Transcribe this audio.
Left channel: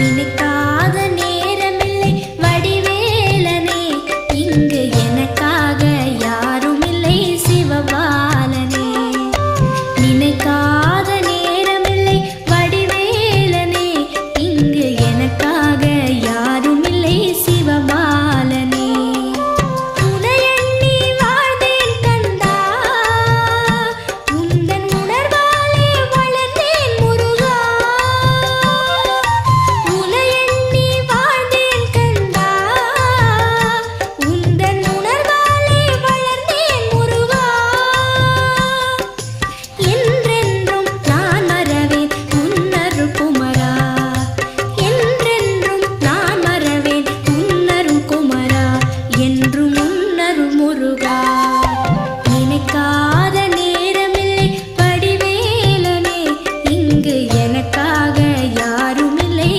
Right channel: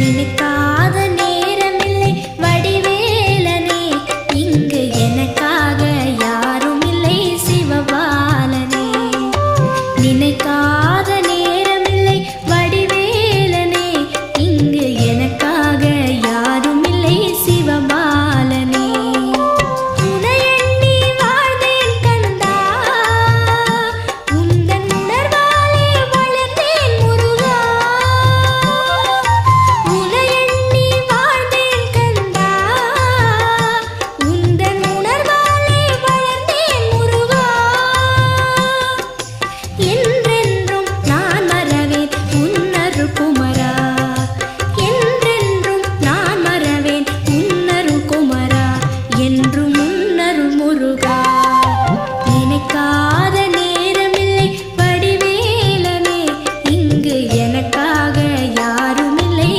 நினைக்காத நேரமில்லை வடிவேலனே, இங்கு எனக்காக யாரும் இல்லை சிவபாலனே. நினைக்காத நேரமில்லை வடிவேலனே, இங்கு எனக்காக யாரும் இல்லை சிவபாலனே. குமரா என்றென்றும் நான் மறவேன் உன்னருள் குமரா, என்றும் உன்னருள் முருகா. நினைக்கா